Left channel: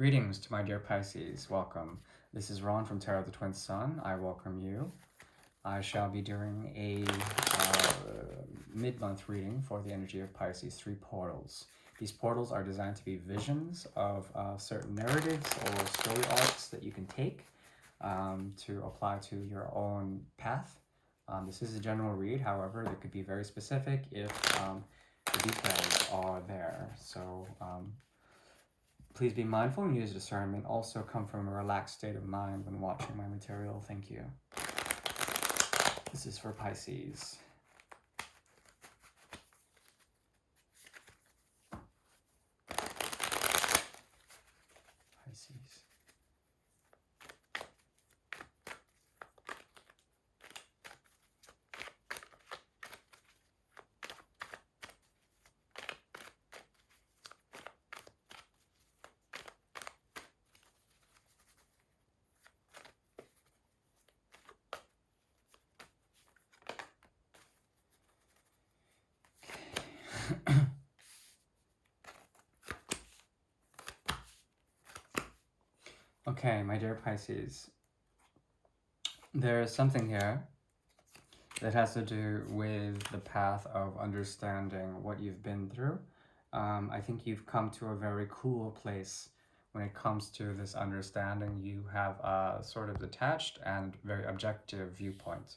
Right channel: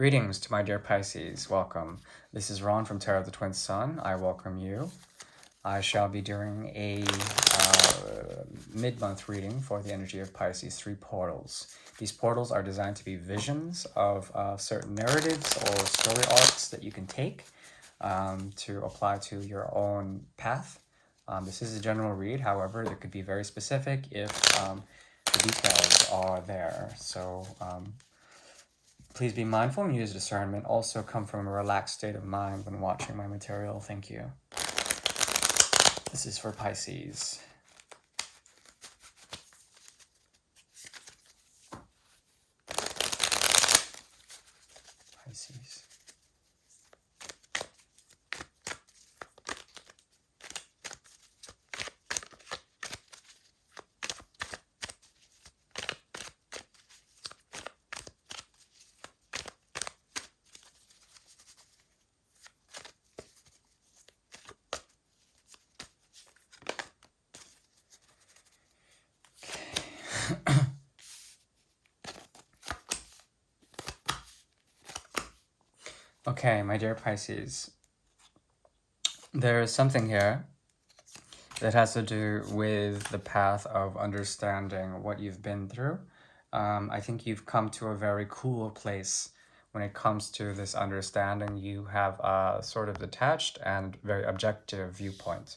Greetings to my dear Pisces. Welcome. This is Ron from Tarot of the Twin Sun. I welcome you. I shall be doing a mid-month reading for the energy of Pisces, 3 portals. These portals are designed to be visions of certain narratives or story arcs that you can take to apply to your own path. This is a general read, however, it could be very specific if the details are there. So please be mindful and use discernment. Also come from a relaxed state of mind when watching my material. Thank you. This is for Pisces. Pisces. Okay, my dear Pisces, there is something here that has to do with the path of understanding what you've been through. I think you've come to a very cool place when it comes to this understanding. You have a sort of detached and very objective viewpoint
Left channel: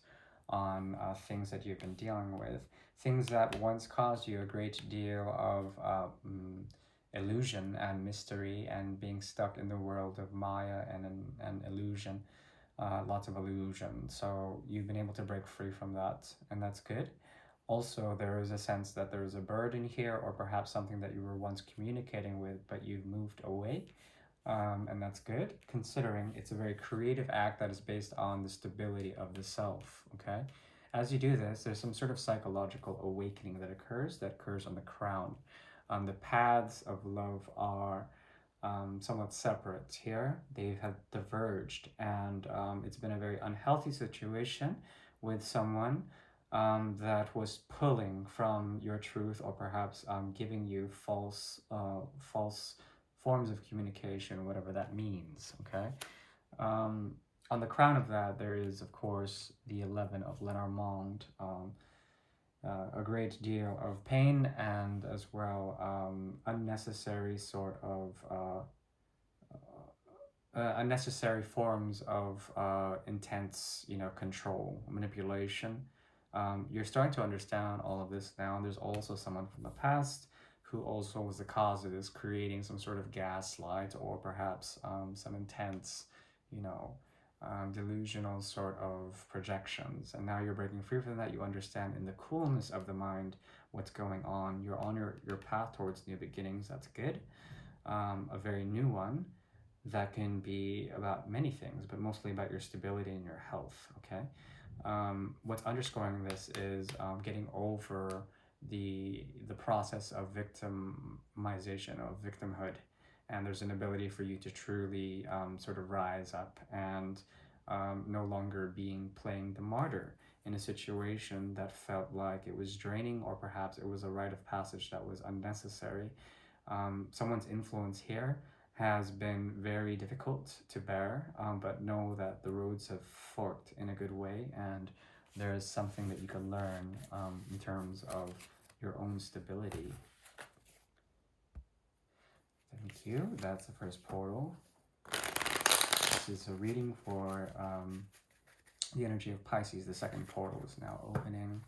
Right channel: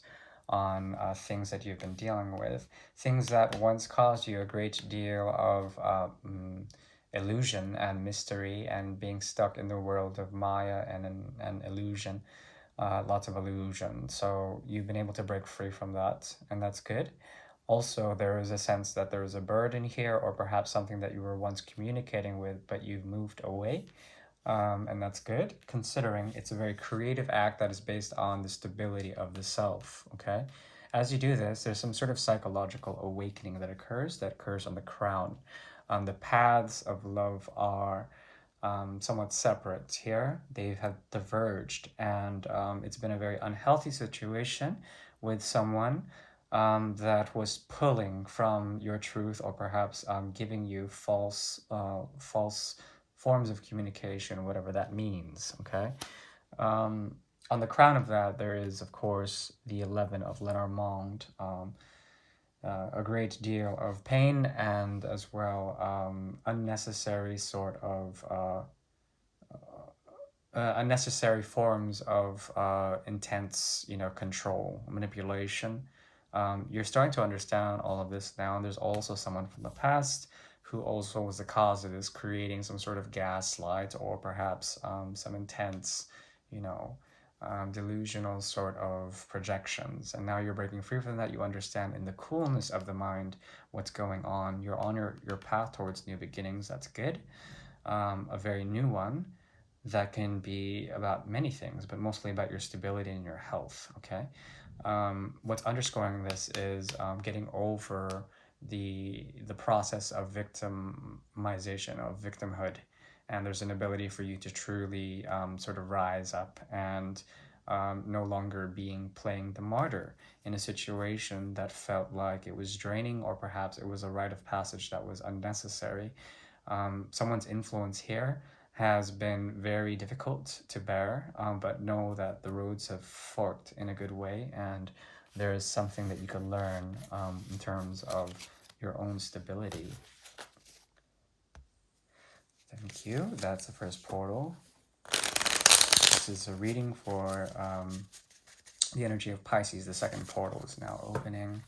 on things that you've been dealing with, things that once caused you a great deal of illusion and mystery and being stuck in the world of Maya and illusion, lots of illusion. So you've been able to break free from that, and that's good. Also, there is a sense that there is a burden here, or perhaps something that you were once communicating with, but you've moved away. And that's good, considering it's a very creative act that is based on the stability of the self, okay? As you do this, there's some sort of psychological awakening that occurs on the crown. The paths of love are somewhat separate here. They have diverged, and it's been a very unhealthy situation with someone that was pulling from your truth, or perhaps giving you false forms of communication, whatever that means, okay? On the crown of that, there is, of course, the 11 of Lenormand, a great deal of pain and as well unnecessary sort of unnecessary forms of intense, control, manipulation. You're starting to understand all of this now, and there's also someone from the past who also was the cause of this, creating some sort of gaslight or perhaps some intense, delusional sort of projections. And now you're breaking free from that. You understand in the coolness of the mind what's going on. You're on your path towards new beginnings. That's good. A very new one that can be about many things, but mostly about your stability and your health, okay? What's underscoring this is getting over the process of victimization, of victimhood, and there's an ability for you to truly sort of rise up and no longer playing the martyr in a situation that felt like it was draining, or perhaps it was a rite of passage that was unnecessary. Someone's influence here has been very difficult to bear, but know that the roads have forked in a good way, and there is something that you can learn in terms of your own stability. Thank you. That's the first portal. This is a reading for the energy of Pisces. The second portal is now opening.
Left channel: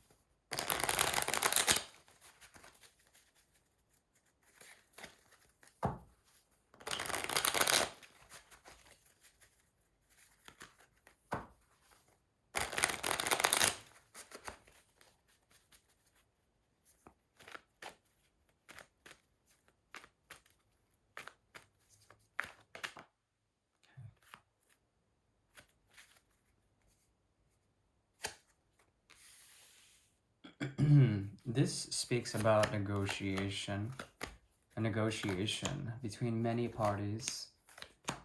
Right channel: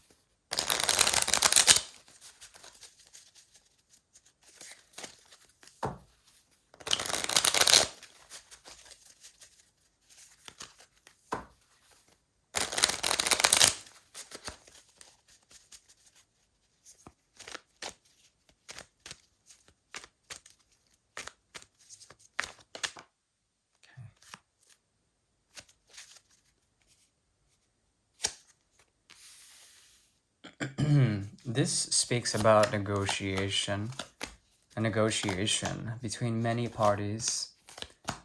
This speaks about negotiation, a negotiation between many parties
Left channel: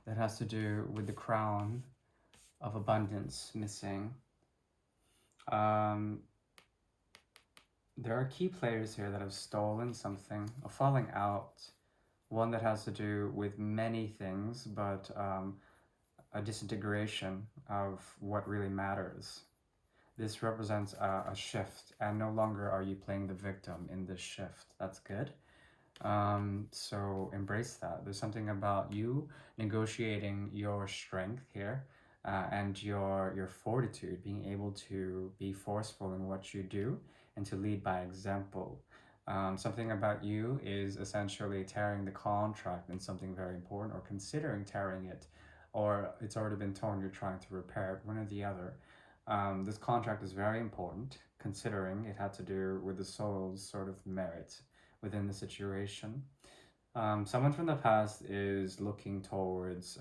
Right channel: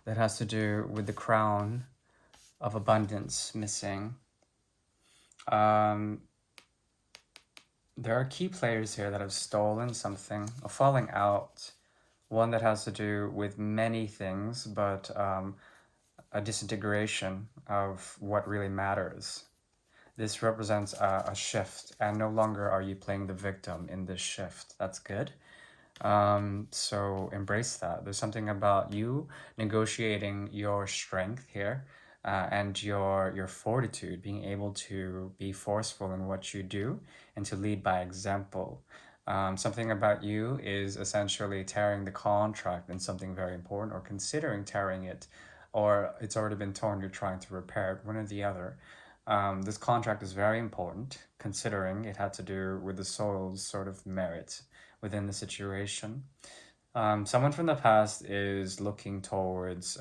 that has to do with the crown of abundance missing. There are key players here that have stolen something, a falling out, one that has to do with many things, but a disintegration of what really matters. This represents a shift, and no longer are you playing the victim in this shift. That's good. So embrace that. There's something about you negotiating your strength here, and your fortitude, being able to be forceful in what you do and to lead by example. Something about you is essentially tearing the contract in something very important, or considering tearing it, or it's already been torn, you're trying to repair it, one or the other. This contract is very important, considering it had to do with the soul's sort of merit within the situation. Someone from the past is looking towards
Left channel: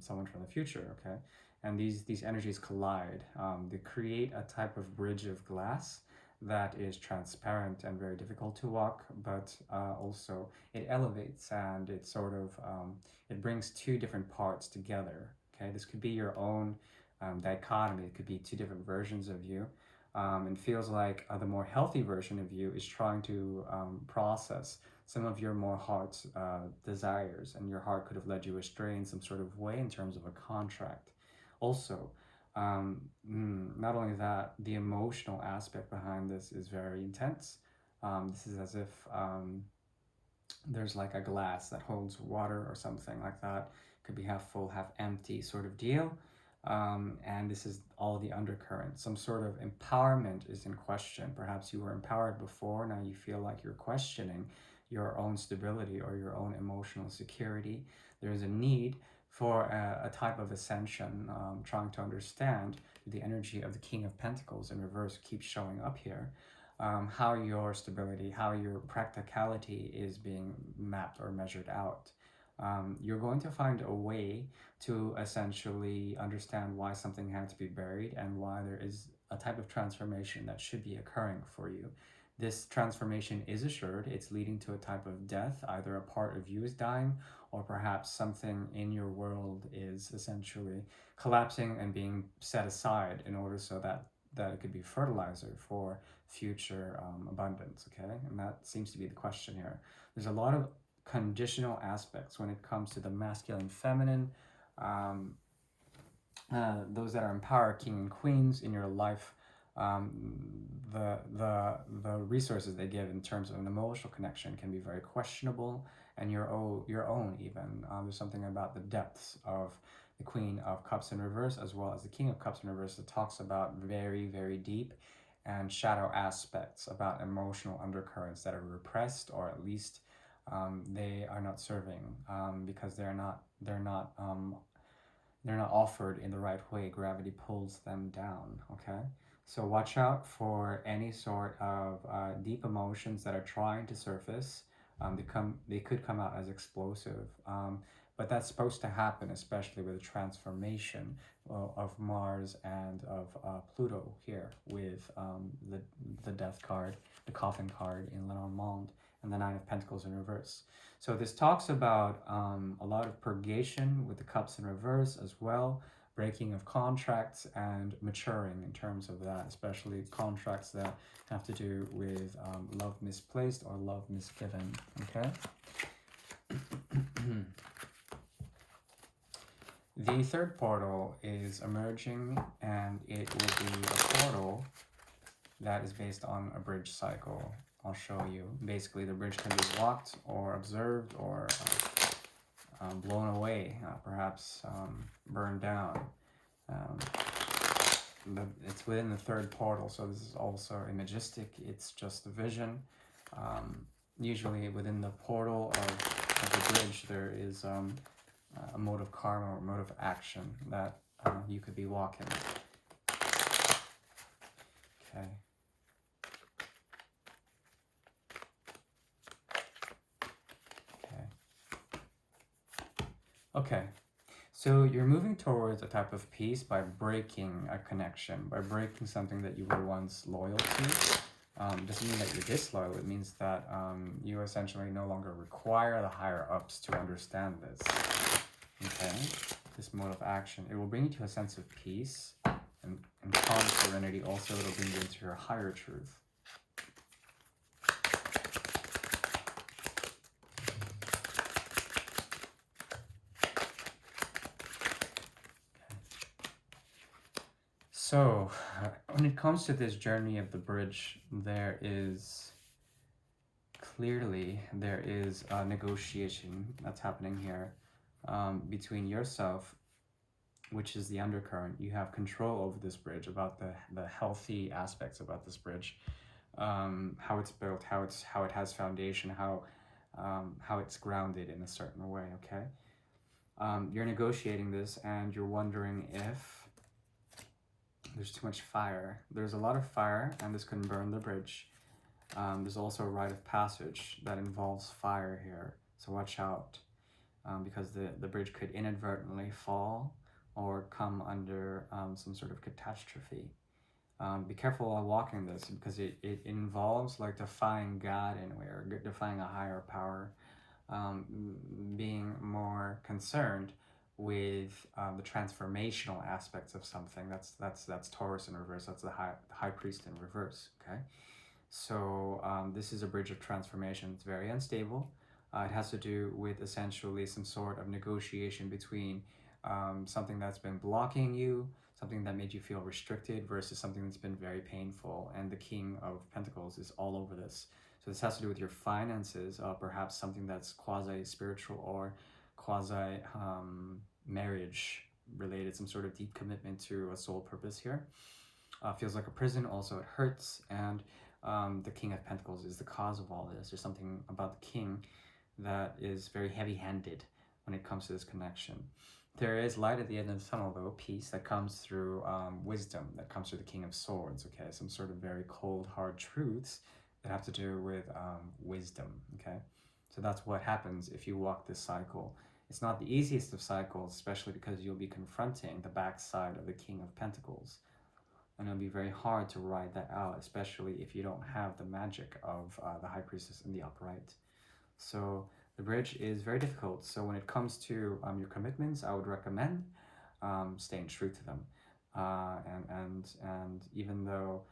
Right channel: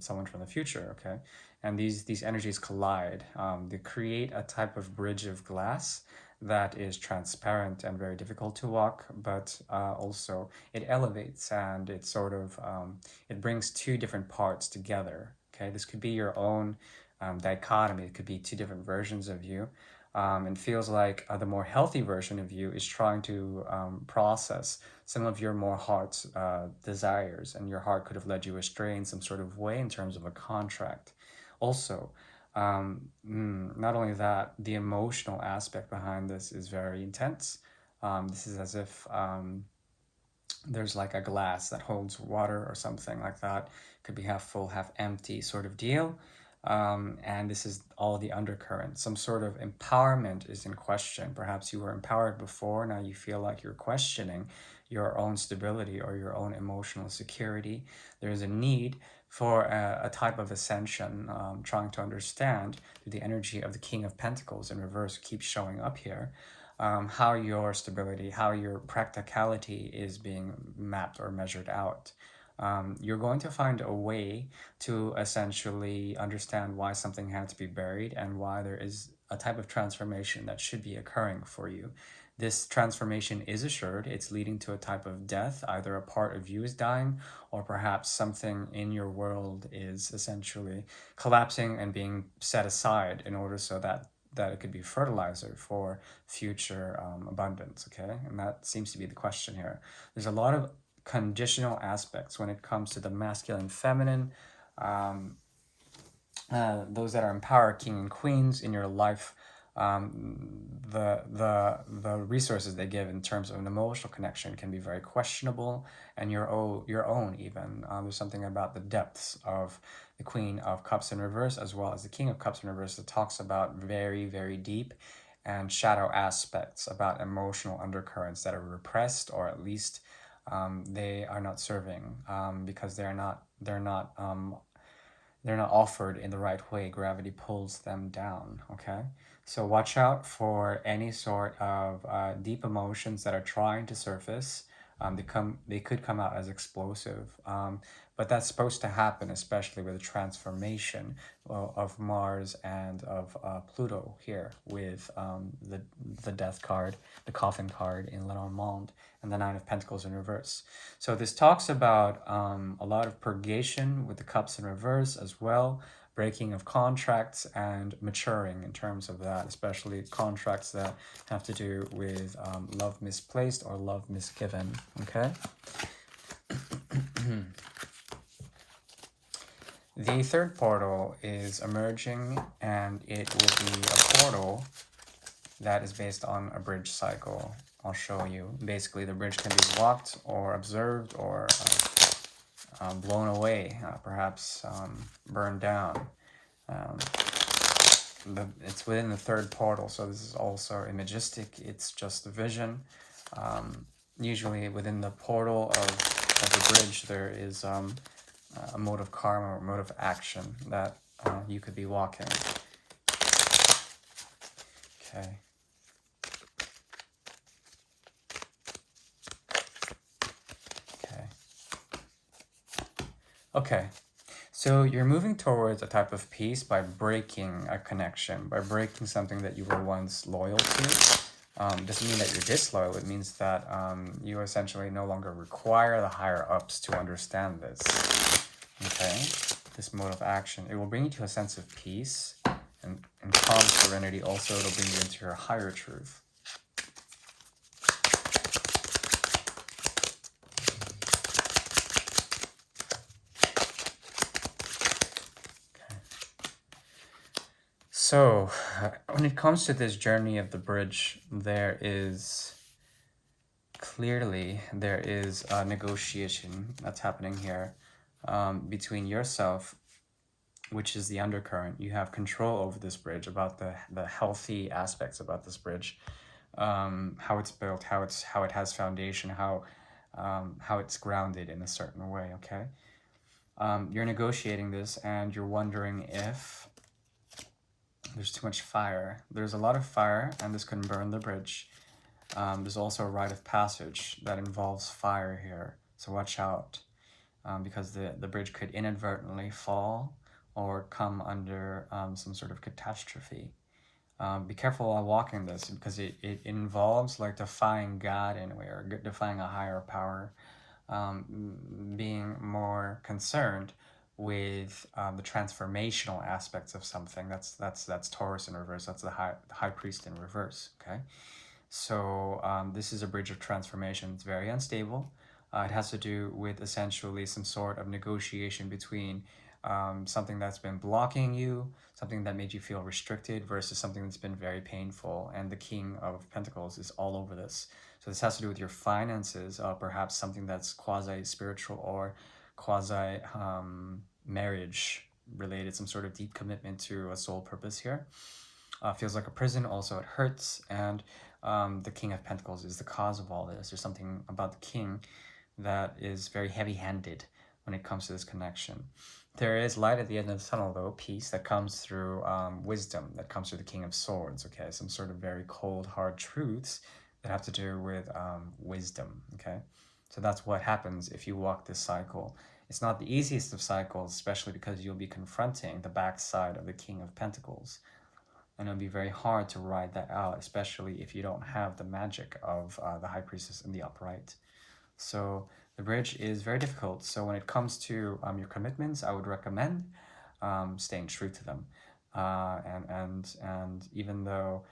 someone from the future, okay? And these energies collide. They create a type of bridge of glass that is transparent and very difficult to walk, but also it elevates, and it sort of it brings two different parts together. Okay, this could be your own dichotomy. It could be two different versions of you. It feels like the more healthy version of you is trying to process some of your more heart's desires, and your heart could have led you astray in some sort of way in terms of a contract. Also, not only that, the emotional aspect behind this is very intense. This is as if there's like a glass that holds water or something like that. Could be half full, half empty sort of deal. And this is all the undercurrent. Some sort of empowerment is in question. Perhaps you were empowered before, now you feel like you're questioning your own stability or your own emotional security. There's a need for a type of ascension, trying to understand through the energy of the King of Pentacles in reverse keeps showing up here. How your stability, how your practicality is being mapped or measured out. You're going to find a way to essentially understand why something had to be buried, and why there is a type of transformation that should be occurring for you. This transformation is assured. It's leading to a type of death. Either a part of you is dying, or perhaps something in your world is essentially collapsing and being set aside in order so that it could be fertilizer for future abundance. Okay, and that seems to be the question here. There's a lot of conditional aspects when it comes to the masculine, feminine, those that are empowered, king and queens in your life. The resources they give in terms of an emotional connection can be very questionable, and your own even. There's something about the depths of the Queen of Cups in reverse, as well as the King of Cups in reverse, that talks about very, very deep and shadow aspects, about emotional undercurrents that are repressed, or at least they are not serving, because they're not offered in the right way. Gravity pulls them down. Okay, so watch out for any sort of deep emotions that are trying to surface. They could come out as explosive, but that's supposed to happen, especially with the transformation of Mars and of Pluto here, with the Death card, the Coffin card in Lenormand, and the Nine of Pentacles in reverse. So this talks about a lot of purgation with the Cups in reverse as well, breaking of contracts, and maturing in terms of that, especially contracts that have to do with love misplaced or love misgiven. Okay. The third portal is emerging, and it will be a portal that is based on a bridge cycle. I'll show you. Basically, the bridge can be walked or observed, or blown away, perhaps burned down. But it's within the third portal, so this is also imagistic. It's just a vision. Usually within the portal of the bridge, there is a mode of karma or mode of action that you could be walking. Okay. Okay, so you're moving towards a type of peace by breaking a connection, by breaking something that you were once loyal to. Doesn't mean that you're disloyal. It means that you essentially no longer require the higher ups to understand this. Okay, this mode of action. It will bring you to a sense of peace and calm serenity. Also, it'll bring you into your higher truth. So, when it comes to this journey of the bridge, there is a negotiation that's happening here between yourself, which is the undercurrent. You have control over this bridge, about the healthy aspects about this bridge, how it's built, how it has foundation, how it's grounded in a certain way. Okay, you're negotiating this, and you're wondering if there's too much fire. There's a lot of fire, and this can burn the bridge. There's also a rite of passage that involves fire here, so watch out, because the bridge could inadvertently fall or come under some sort of catastrophe. Be careful while walking this, because it involves like defying God in a way, or defying a higher power, being more concerned with the transformational aspects of something. That's Taurus in reverse. That's the high priest in reverse. Okay, so this is a bridge of transformation. It's very unstable. It has to do with essentially some sort of negotiation between something that's been blocking you, something that made you feel restricted, versus something that's been very painful. And the King of Pentacles is all over this. So this has to do with your finances, perhaps something that's quasi-spiritual or quasi-marriage related, some sort of deep commitment to a soul purpose here. Feels like a prison, also it hurts, and the King of Pentacles is the cause of all this. There's something about the King that is very heavy-handed when it comes to this connection. There is light at the end of the tunnel, though, peace that comes through wisdom, that comes through the King of Swords, okay? Some sort of very cold, hard truths that have to do with wisdom, okay? So that's what happens if you walk this cycle. It's not the easiest of cycles, especially because you'll be confronting the backside of the King of Pentacles. And it'll be very hard to ride that out, especially if you don't have the magic of the High Priestess in the upright. So the bridge is very difficult. So when it comes to your commitments, I would recommend staying true to them. And even though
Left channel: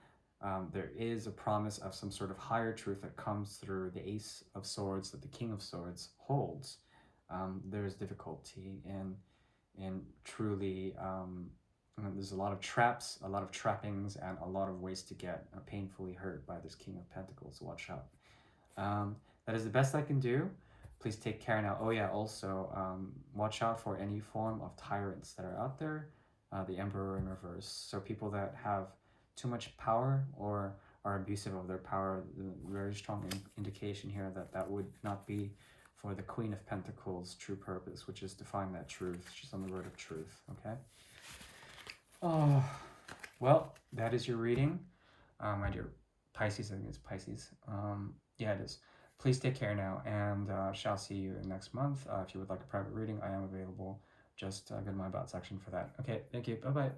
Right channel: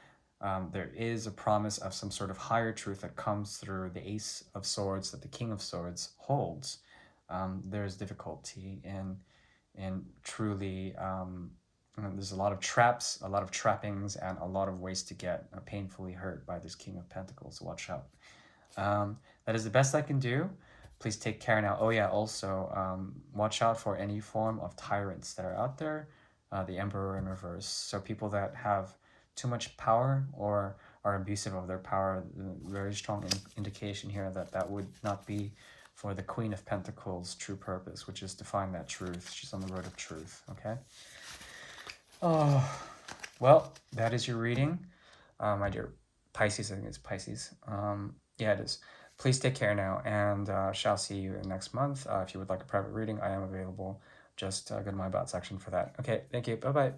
there is a promise of some sort of higher truth that comes through the Ace of Swords that the King of Swords holds, there's difficulty in truly. There's a lot of traps, a lot of trappings, and a lot of ways to get painfully hurt by this King of Pentacles. So watch out. That is the best I can do. Please take care now. Oh yeah, also watch out for any form of tyrants that are out there. The Emperor in reverse. So people that have too much power or are abusive of their power. Very strong indication here that that would not be for the Queen of Pentacles' true purpose, which is to find that truth. She's on the road of truth. Okay. Oh, well, that is your reading, my dear Pisces. I think it's Pisces. Yeah, it is. Please take care now, and shall see you next month. If you would like a private reading, I am available. Just go to my about section for that. Okay, thank you. Bye-bye.